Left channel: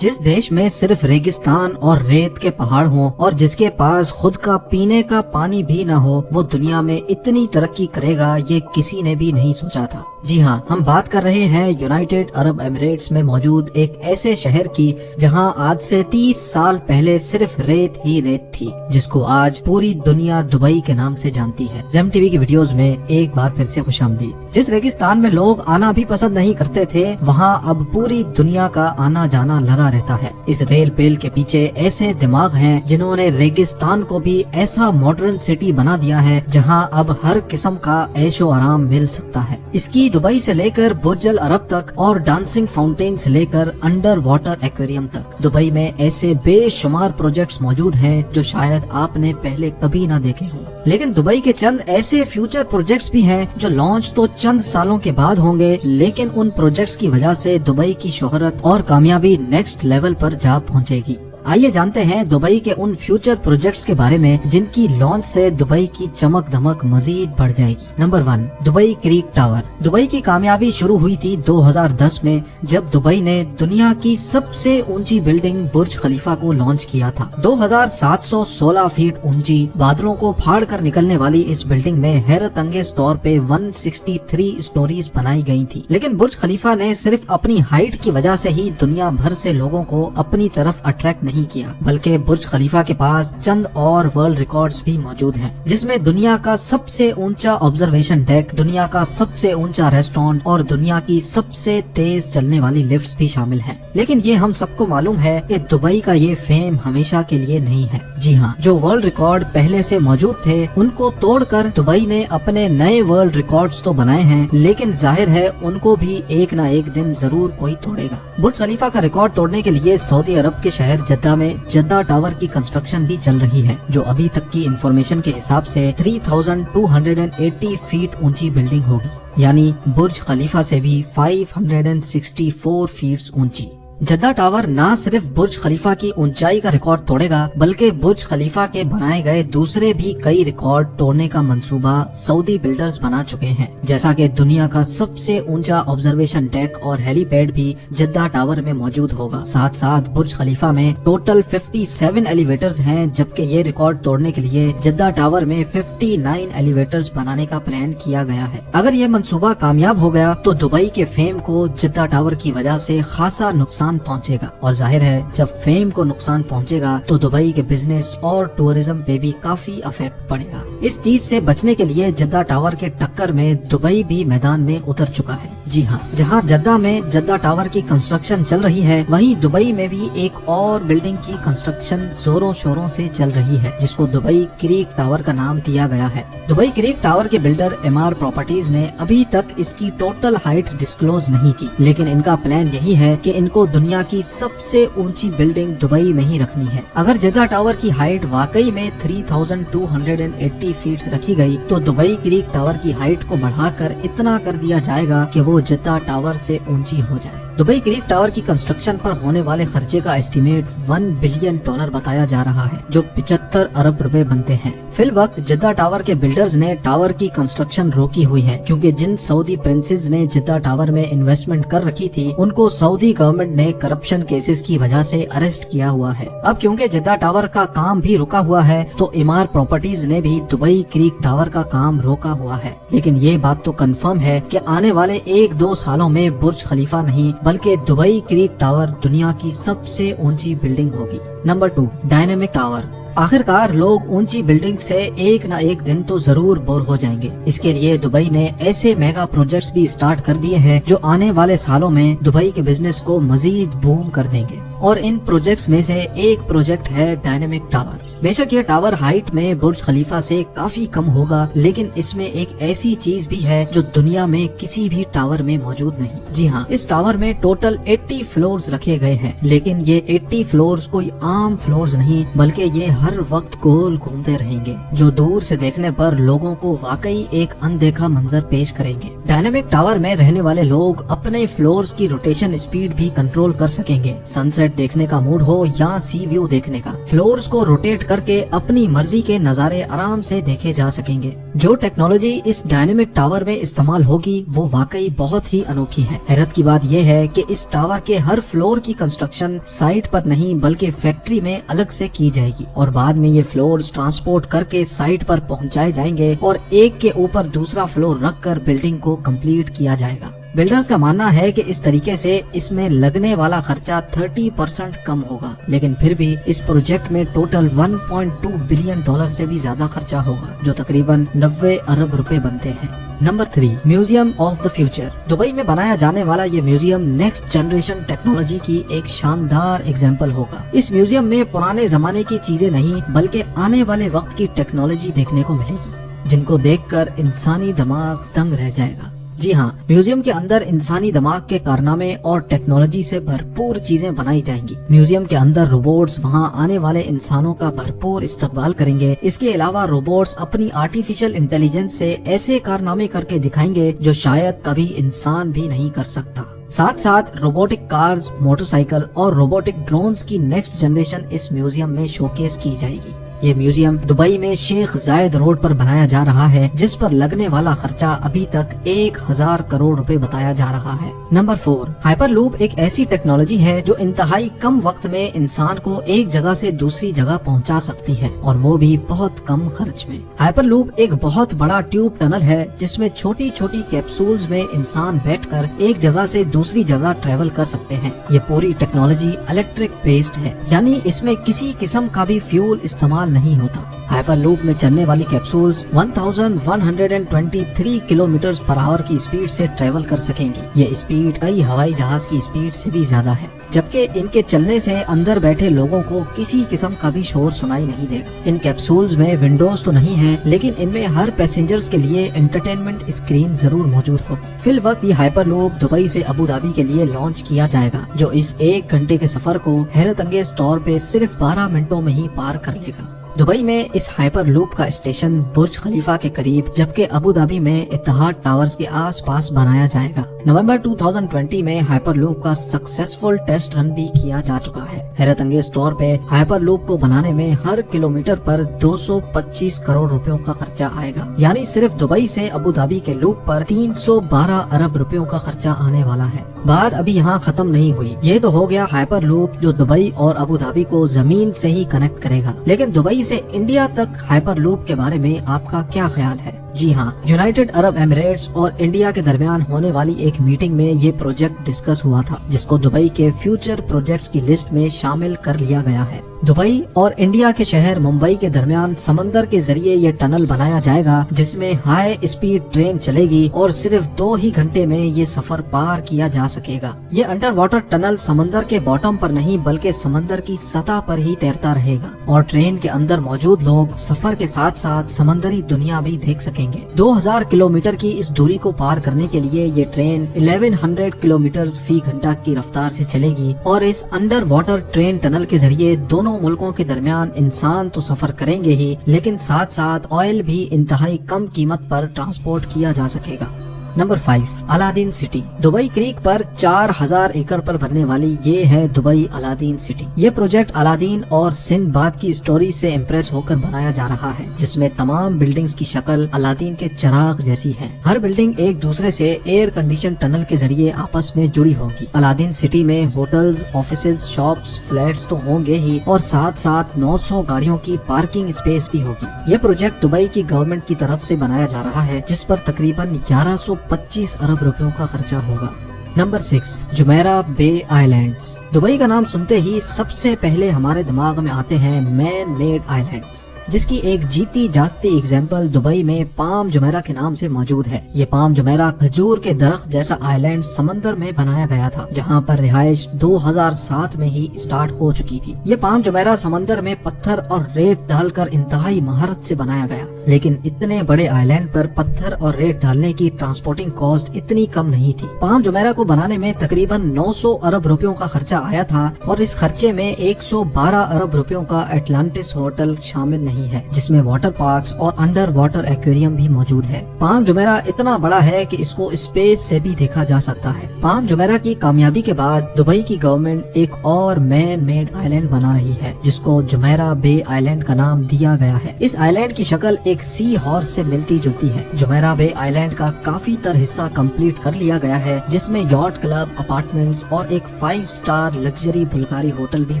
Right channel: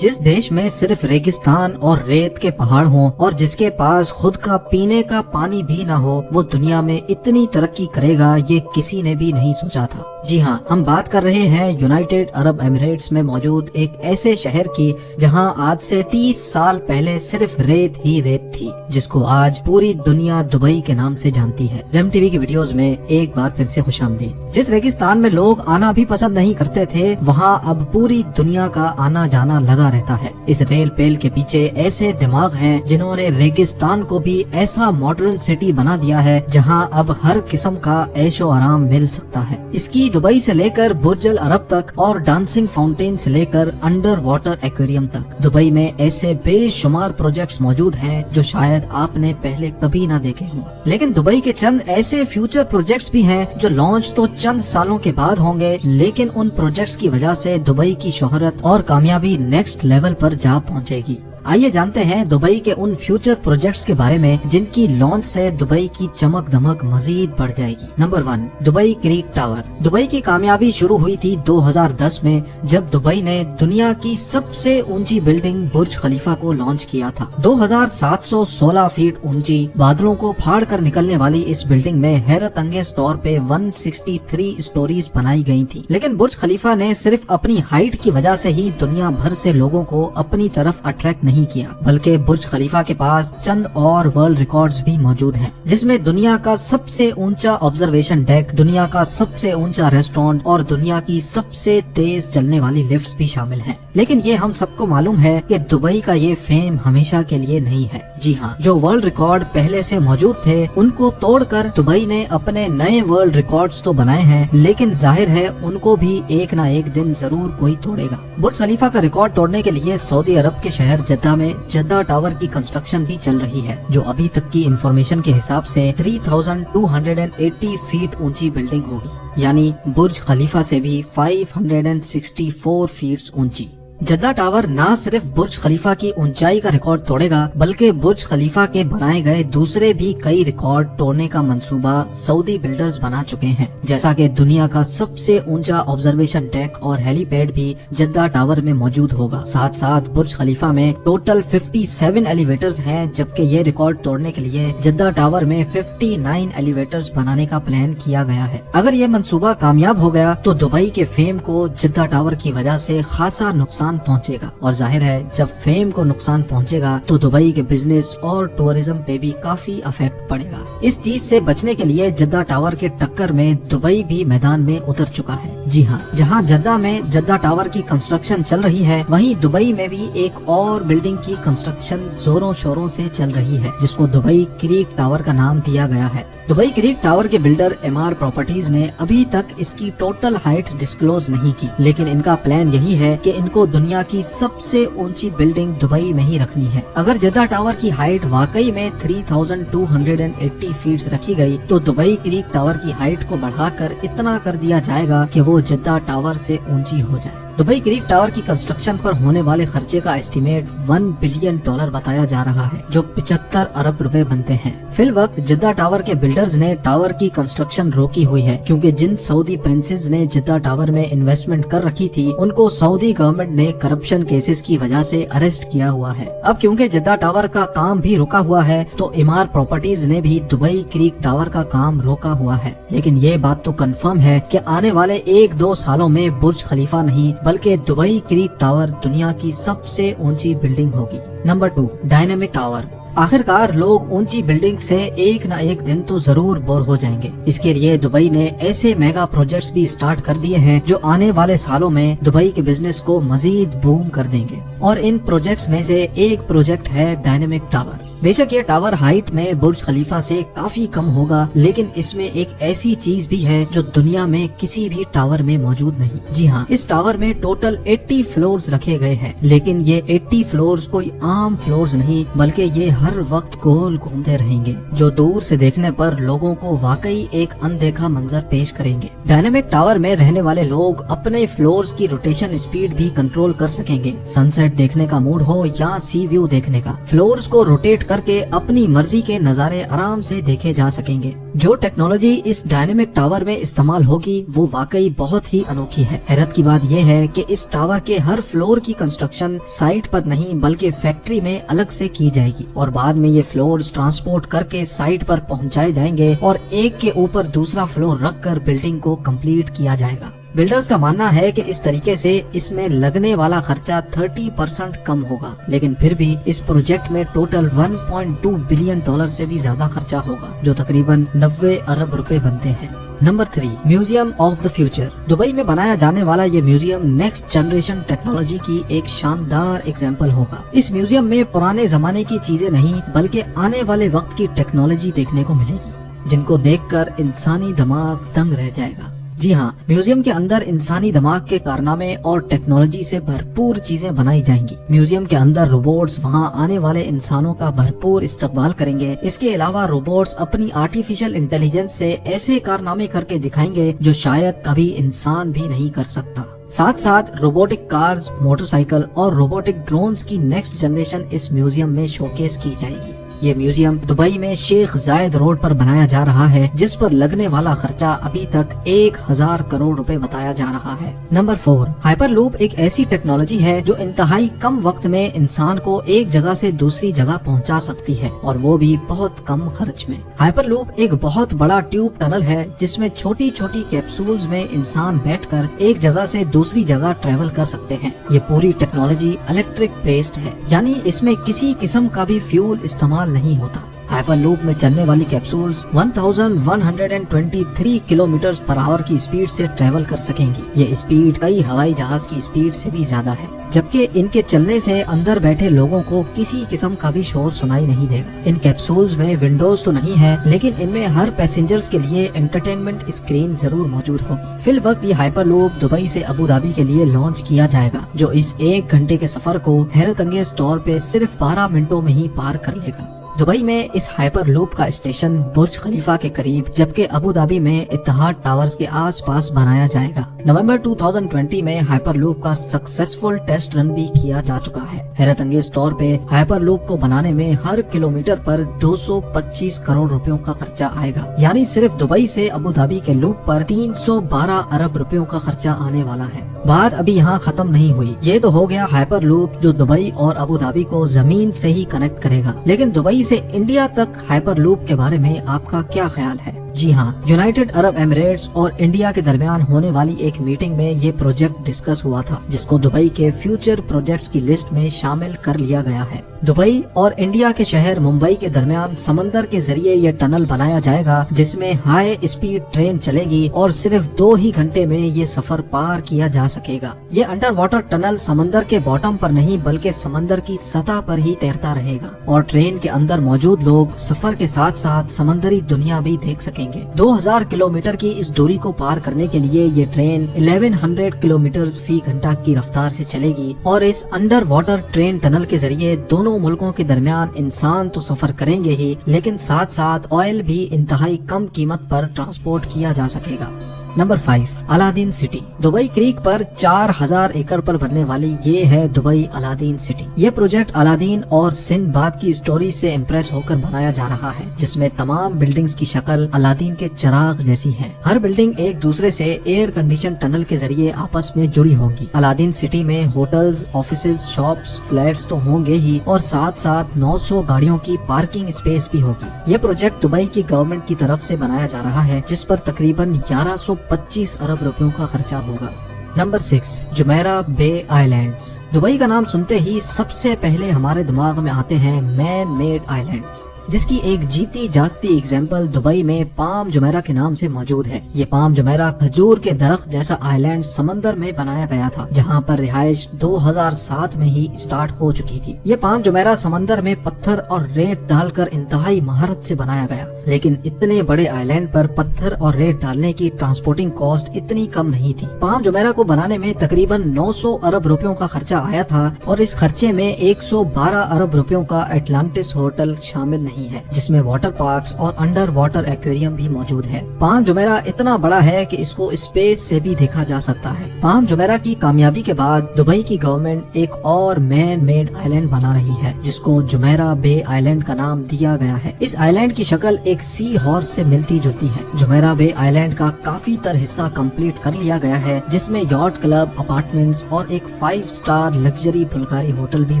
جس دیش میں صرف ریگستان اور ریت کے پہاڑ ہوں اور جس کے پاس خود کا پینے کا پانی بھی نہ ہو، وہ دنیا میں اتنی ترقی کرے گا یہ کسی نے بھی نہیں سوچا تھا۔ جی ہاں، ہم بات کر رہے ہیں یونائیٹڈ عرب ایمریٹس میں موجود ایک ایسے شہر کی جہاں آج سے 30 سال پہلے صرف ریت ہی ریت تھی، جس کو آج پوری دنیا دبئی کے نام سے جانتی ہے۔ زیم ٹی وی کی ویڈیوز میں ایک بار پھر سے خوش آمدید۔ جس ریگستان میں لوگ آنا بھی پسند نہیں کرتے تھے، وہاں اب پوری دنیا کا آنا جانا لگا رہتا ہے۔ اس ریل پیل کے پیچھے ایسے دماغ ہیں جنہوں نے ریگستان کو بھی ایسا ماڈرن سٹی بنا دیا ہے جہاں اب ہر قسم کا عیش و آرام مل سکتا ہے۔ اس کی دبئی سے لے کر برج العرب تک اور ڈانسنگ فاؤنٹین سے لے کر انڈر واٹر ایکویریم تک دبئی میں ایسے بے شمار پروجیکٹس موجود ہیں جو شاید آپ نے پہلے کبھی نہ دیکھے ہوں۔ لیکن دبئی کے چند ایسے فیوچر پروجیکٹس بھی ہیں جو لانچ تو چند سالوں کے بعد ہوں گے، لیکن ان پروجیکٹس کی وجہ سے دبئی کی شہرت اور کامیابی نیکسٹ لیول پر جا پہنچے گی۔ آئیے جانتے ہیں دبئی کے ان فیوچر پروجیکٹس کے بارے میں جن کی لانچ سے دبئی کی چمک دمک مزید بڑھ جائے گی۔ Number 1، Dubai creek tower. Dubai کی کامیابی شروع ہوئی تھی 2010 میں جب دبئی نے دنیا کی سب سے اونچی بلڈنگ برج خلیفہ کو لانچ کیا تھا۔ 2716 فیٹ اونچی، بادلوں کو پھاڑ کر نکلنے والی اس بلڈنگ میں حیرت انگیز طور پہ 163 اسٹوریز بنائی گئی تھی، لیکن برج خلیفہ نے صرف اپنی ہائٹ کی وجہ سے ہی دنیا بھر سے لوگوں کو اپنی طرف اٹریکٹ نہیں کیا، بلکہ برج خلیفہ کے پاس چند اور ورلڈ ریکارڈز بھی موجود ہیں، جس میں دنیا کا سب سے اونچا آبزرویشن ڈیک، دنیا کا سب سے اونچا ریسٹورینٹ اور دنیا کی سب سے تیز چلنے والی لفٹس بھی شامل ہیں۔ لیکن یہ ہم سب کو معلوم ہے کہ دبئی کا یہ فیم ہمیشہ کے لیے نہیں ہے۔ جی ہاں، جو ورلڈ ریکارڈ پہلے سے موجود تھے ان کو توڑ کر دبئی نے اپنے نئے ورلڈ ریکارڈز تو بنائے ہیں، لیکن ظاہر ہے ان کو بھی ایک نہ ایک دن ضرور کوئی توڑے گا۔ برج خلیفہ کا ریکارڈ توڑنے کے لیے سعودی عرب کے شہر جدہ میں جدہ ٹاور کی کنسٹرکشن بھی چل رہی ہے، جو ابھی تک کی انفارمیشن کے حساب سے 3280 فیٹ اونچی بلڈنگ ہوگی، یعنی برج خلیفہ سے بھی 564 فیٹ اونچی۔ جدہ ٹاور نہ صرف برج خلیفہ کی اونچائی کا ریکارڈ توڑے گا، بلکہ برج خلیفہ کے بنائے گئے دوسرے بھی کئی ریکارڈ توڑنے کا منصوبہ سعودی بلڈرز بنا چکے ہیں، جیسا کہ دنیا کا سب سے اونچا آبزرویشن ڈیک اور ہیلی پیڈ بھی جدہ ٹاور میں موجود ہوگا۔ ساتھ ساتھ برج خلیفہ میں ٹوٹل 57 ایلیویٹرز ہیں، جبکہ یہ ریکارڈ توڑنے کے لیے جدہ ٹاور میں 59 ایلیویٹرز بنانے کا پلان کیا گیا ہے۔ اگر یہ منصوبہ کامیاب ہو گیا تو دبئی کے فیم کو جدہ ٹاور کی وجہ سے خاصا نقصان پہنچے گا، اور ظاہر ہے جب فیم کو نقصان پہنچے گا تو دبئی کے بزنس اور ٹورزم پہ بھی کافی افیکٹ پڑے گا۔ اس چیز سے بچنے کے لیے جدہ ٹاور کے ٹکر میں دبئی بھی میدان میں اتر چکا ہے۔ جی ہاں، جہاں جدہ میں جدہ ٹاور کی کنسٹرکشن چل رہی ہے، وہیں دبئی میں بھی ایک اور بلڈنگ کی کنسٹرکشن زوروں شوروں سے چل رہی ہے، جس کو دبئی کریک ٹاور کا نام دیا گیا ہے۔ دبئی کریک ٹاور کے بلڈر امار پراپرٹیز نے ابھی تک اس کی ٹوٹل ہائٹ ڈسکلوز نہیں کی، لیکن ان کا پلان یہی ہے کہ ان کو دنیا کی سب سے اونچی بلڈنگ دبئی میں ہی رکھنی ہے۔ اگر جدہ ٹاور کی ہائٹ واقعی میں 3280 فیٹ رکھی گئی تو دبئی کریک ٹاور کی ہائٹ کو بڑھا کر اتنا کر دیا جائے گا کہ وہ جدہ ٹاور سے اونچی ہو جائے۔ دبئی کریک ٹاور کی کنسٹرکشن پر ہونے والے خرچے کا ایسٹیمیٹ $1 بلین بتایا جا رہا ہے، جو 75 ارب روپے بنتے ہیں۔ فی الوقت جدہ ٹاور کے بلڈرز نے ٹاور کی کنسٹرکشن روکی ہوئی ہے، کیونکہ جن سعودی پرنسز نے جدہ ٹاور میں انویسٹمنٹ کر رکھی تھی ان کو سعودی گورنمنٹ نے کرپشن کیسز کی وجہ سے اریسٹ کیا ہوا ہے۔ اب کیونکہ جدہ ٹاور کا کام بھی رکا ہوا ہے تو امار پراپرٹیز نے بھی دبئی کریک ٹاور کا کام روکا ہوا ہے، لیکن یہ بات تو کنفرم ہے کہ آنے والے 1-2 سالوں میں برج خلیفہ نہیں بلکہ دبئی کریک ٹاور دنیا کی سب سے اونچی بلڈنگ ہوگی۔ Number 2، dynamic tower. آخرکار لوگ اونچی بلڈنگ سے ایک نہ ایک دن تو ضرور بور ہو جائیں گے، اس کے لیے دبئی نے ایسے میگا پروجیکٹس بھی سٹارٹ کر دیے ہیں جو آنے والے سالوں میں دبئی کے بزنس کو مزید بوم کر دیں گے، اور ان پروجیکٹس میں سے ایک پروجیکٹ ہے ڈائنامک ٹاور۔ بے شک یہ ٹاور ہائٹ میں برج خلیفہ سے کافی کم ہوگا، لیکن اس میں ایک ایسی چیز بھی ہے جو دنیا میں کسی بھی ٹاور میں موجود نہیں۔ جی ہاں، اس ٹاور میں ٹوٹل 80 فلورز رکھے گئے ہیں، لیکن یہ 80 فلورز کوئی عام فلورز نہیں بلکہ یہ हर वक्त गोल घूमते रहेंगे, जो दूर से देखने पर लोगों को वाकई एक अनदेखा मंजर पेश करेंगे। डायनामिक टावर में रहने वाले लोग अपने फ्लोर्स की रोटेशन स्पीड भी कंट्रोल कर सकेंगे। सनसेट देखने का मूड हो या सी व्यू देखने का, फ्लोर्स को रोटेट करके अपनी मर्जी के नजारे आराम से देखे जा सकेंगे। जो टेक्नोलॉजी इस डायनेमिक टावर में इस्तेमाल होगी वो वाकई बहुत ही अनोखी है। हैरत की बात यह है कि इस टावर के हर फ्लोर की कंस्ट्रक्शन साइट पर नहीं बल्कि फैक्ट्री में अलग से की जाएगी और बाद में ये फ्लोर्स ट्रांसपोर्ट करके साइट पर पहुंचाए जाएंगे और एक के ऊपर दूसरा फ्लोर रखकर बिल्डिंग को कंप्लीट किया जाएगा। बिल्डर्स का मानना है कि इस तरीके से इसमें लगने वाला खर्चा 30% कम होगा, लेकिन फिर भी इस प्रोजेक्ट में टोटल 1.2 बिलियन डॉलर से भी ज्यादा खर्चा होगा, जो तकरीबन 90 अरब रुपए बनते हैं। Number 3, museum of the future. Dubai में बनाया जाने वाला ये म्यूजियम नेक्स्ट जनरेशन टेक्नोलॉजी की एक शानदार एग्जाम्पल होगा। इस म्यूजियम में पुराने जमाने की चीजें नहीं बल्कि आने वाले वक्त की टेक्नोलॉजी देखने को मिलेगी, जिनको देखकर इंसानी दिमाग दंग रह जाएगा। जी हाँ, म्यूजियम के अंदर इंसानी दिमाग के कारनामे और टेक्नोलॉजी से भरपूर चीजें बनाई जाएंगी। म्यूजियम के अंदर रोबोट्स वहाँ आने वाले इंसानों का भरपूर इस्तकबाल करेंगे। इसके अलावा रोबोट्स अपनी आर्टिफिशियल इंटेलिजेंस से ऐसे कारनामे करके दिखाएंगे जो शायद कभी इंसान भी नहीं कर सकता। साथ साथ रोबोटिक कार्स, मोटरसाइकिल और रोबोटिक ड्रोन्स की नेक्स्ट जनरेशन इस म्यूजियम में शोकेस की जाएगी। ये म्यूजियम दुबई में शेख जायद रोड पर बनाया जा रहा है, जिस पर लगने वाला खर्चा अभी तक 1000 करोड़ रुपए बताया जा रहा है। नंबर 4, हाइपरलूप एक ऐसी टेक्नोलॉजी है जो इंतहाई कम वक्त में इंसान को एक जगह से दूसरी जगह पहुंचा सकती है और वो भी बहुत कम खर्च में। हाइपरलूप एक बहुत बड़ा ट्यूब टनल है जिसमें छोटी छोटी कैप्सूल्स में इंसान बैठकर एक जगह से दूसरी जगह ट्रेवल कर सकते हैं। ये पूरी टेक्नोलॉजी इलेक्ट्रिक बेस्ड है, यानी इसमें किसी किस्म का भी फ्यूल इस्तेमाल नहीं होता। हाइपरलूप में चलने वाली कैप्सूल्स 1123 किलोमीटर पर आवर की स्पीड से ट्रेवल कर सकेंगी। ये स्पीड कई हवाई जहाज की स्पीड से भी ज्यादा है, जबकि इनके चलने से अंदर बैठे लोगों को किसी किस्म का भी शोर सुनाई नहीं देगा। इन कैप्सूल्स में विंडोज तो नहीं है, लेकिन इनमें हर पैसेंजर्स के लिए एंटरटेनमेंट स्क्रीन जरूर मौजूद होगी। फिल वक्त ये हाइपरलूप दुबई से अबू धाबी के लिए लॉन्च किया जाएगा, जो इस 1 घंटे के सफर को हैरत अंगेज तौर पे सिर्फ 12 मिनटों में ही पार कर लेगा। दुबई में इस हाइपरलूप का स्टेशन बुर्ज खलीफा के करीब, जबकि अबू धाबी में इत्तेहाद टावर्स के आसपास बनाया जाएगा। नवंबर 2020 में हाइपरलूप का सक्सेसफुल टेस्ट रन भी किया जा चुका है। हैरत अंगेज तौर पे हाइपरलूप को बनाने में हर किलोमीटर पर 225 करोड़ रुपयों का खर्चा आएगा, यानी सिर्फ दुबई से अबू धाबी के लूप पर 312 अरब रुपयों का खर्चा आने वाला है। बात अभी यहाँ खत्म नहीं हुई। ये तो हो गया हाइपरलूप जो दुबई और अबू धाबी को जमीन से ही कनेक्ट करेगा, लेकिन दुबई से इंडिया तक हाइपरलूप के बारे में आपका क्या ख्याल है? जी हाँ, यूनाइटेड अरब एमिरेट्स और इंडिया के दरमियान होने वाली एक मीटिंग में ये प्रोजेक्ट डिस्कस हुआ था, जिसको दुबई के फ्यूचर प्रोजेक्ट्स की लिस्ट में शामिल कर लिया गया है। दुबई और इंडिया के शहर मुंबई के दरमियान समंदर के जरिए ये टनल बनाया जाएगा, जिसमें हाई स्पीड ट्रेन चलेगी और सिर्फ 2 ही घंटे में ये सफर पार किया जा सकेगा। ये अंडर वाटर टनल समंदर के बॉटम पर नहीं बल्कि समंदर की सतह पर ही तैरता रहेगा और ट्रेन के अंदर मौजूद लोग सफर के साथ साथ समंदरी दुनिया भी देख सकेंगे। 2000 किलोमीटर की इस दूरी को पार करने के लिए ये ट्रेन 1100 किलोमीटर फी घंटा की रफ्तार से चलेगी और इस अंडर वाटर ट्रेन टनल के जरिए दोनों मुल्कों के दरमियान इंसान तो सफर करेंगे ही, लेकिन साथ साथ ऑयल भी इंतहाई कम कीमत पर ट्रांसपोर्ट किया जा सकेगा। Number 5, Aladdin city. Dubai creek पर 4000 एकड़ पर बनने वाली ये है दुबई अलादीन सिटी। ये प्रोजेक्ट अलादीन और सिंदबाद की स्टोरी से इम्प्रेस होकर बनाया जा रहा है, जिसमें तमाम बिल्डिंग्स की शक्ल अलादीन के चिराग जैसी है। हर बिल्डिंग एक दूसरे से एयर कंडीशन टनल के जरिए आपस में जुड़ी होंगी। अलादीन सिटी में होटल्स, ऑफिसेज, शॉप्स, फ्लैट्स तो होंगे ही और साथ साथ 900 गाड़ियों की पार्किंग स्पेस भी होगी। यह प्रोजेक्ट दुबई की गवर्नमेंट की तरफ से बनाया जा रहा है, जिस पर तकरीबन 1125 अरब रुपयों का खर्चा होगा। नंबर 6, जुमेरा बे आइलैंड्स। दुबई का नाम सुनते ही सबसे पहले हमारे दिमाग में आते हैं मैन मेड आइलैंड्स, जिसकी एक जीती जागती एग्जाम्पल दुबई में पाम जुमेरा के नाम से मौजूद है। ये पाम जुमेरा खजूर के दरख्त जैसा आइलैंड समंदर में बनाया गया था, जहाँ पर रिहाइश 2007 में ही स्टार्ट हो चुकी थी। ये पाम जुमेरा समंदर में पत्थर और रेत डालकर इंतहाई महारत से बनाया गया, लेकिन इतने बड़े आइलैंड पर पत्थर और रेत डालने की ट्रांसपोर्टिंग कॉस्ट इतनी कम नहीं थी। पाम जुमेरा को बनाने में तकरीबन 900 अरब रुपयों का खर्चा आया था और इस खर्चे में 112 अरब रुपयों का एटलांटिस होटल शामिल नहीं है, जिसमें वाटर पार्क्स और अंडर वाटर एक्वेरियम भी मौजूद है। पाम जुमेरा इतना बड़ा है कि इसको स्पेस से भी देखा जा सकता है। पाम जुमेरा की कामयाबी के बाद दुबई की गवर्नमेंट एक और मैन मेड आइलैंड बना रही है, जिसको जुमेरा बे आइलैंड का नाम दिया गया है। इस आइलैंड की शक्ल एक सी हॉर्स से मिलती जुलती है। जुमेरा बे आइलैंड का काफी तर हिस्सा कंप्लीट कर लिया गया है, जिसमें यॉट क्लब, अपार्टमेंट्स और एक 5 स्टार लग्जरी बुल्गारी होटल भी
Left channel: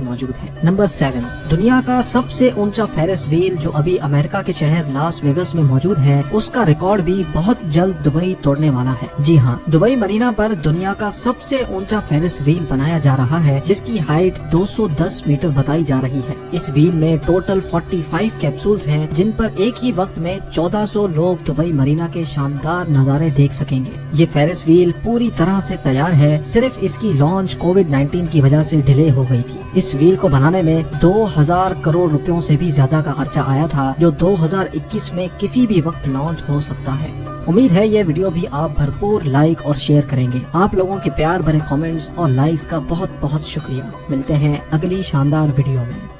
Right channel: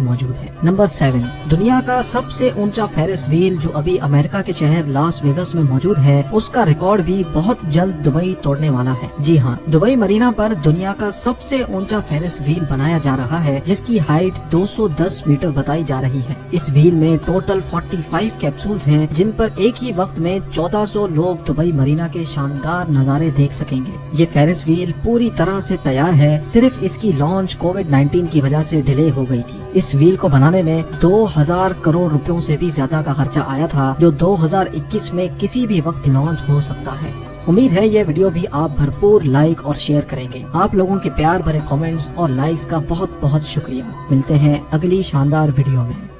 मौजूद है। नंबर 7, दुनिया का सबसे ऊंचा फेरिस व्हील जो अभी अमेरिका के शहर लास वेगस में मौजूद है, उसका रिकॉर्ड भी बहुत जल्द दुबई तोड़ने वाला है। जी हाँ, दुबई मरीना पर दुनिया का सबसे ऊंचा फेरिस व्हील बनाया जा रहा है, जिसकी हाइट 210 मीटर बताई जा रही है। इस व्हील में टोटल 45 कैप्सूल्स हैं, जिन पर एक ही वक्त में 1400 लोग दुबई मरीना के शानदार नजारे देख सकेंगे। ये फेरिस व्हील पूरी तरह से तैयार है, सिर्फ इसकी लॉन्च कोविड-19 की वजह से डिले हो गई थी। इस व्हील को बनाने में 2000 करोड़ रुपयों से भी ज्यादा का खर्चा आया था, जो 2021 में किसी भी वक्त लॉन्च हो सकता है। उम्मीद है ये वीडियो भी आप भरपूर लाइक और शेयर करेंगे। आप लोगों के प्यार भरे कमेंट्स और लाइक्स का बहुत बहुत शुक्रिया। मिलते हैं अगली शानदार वीडियो में।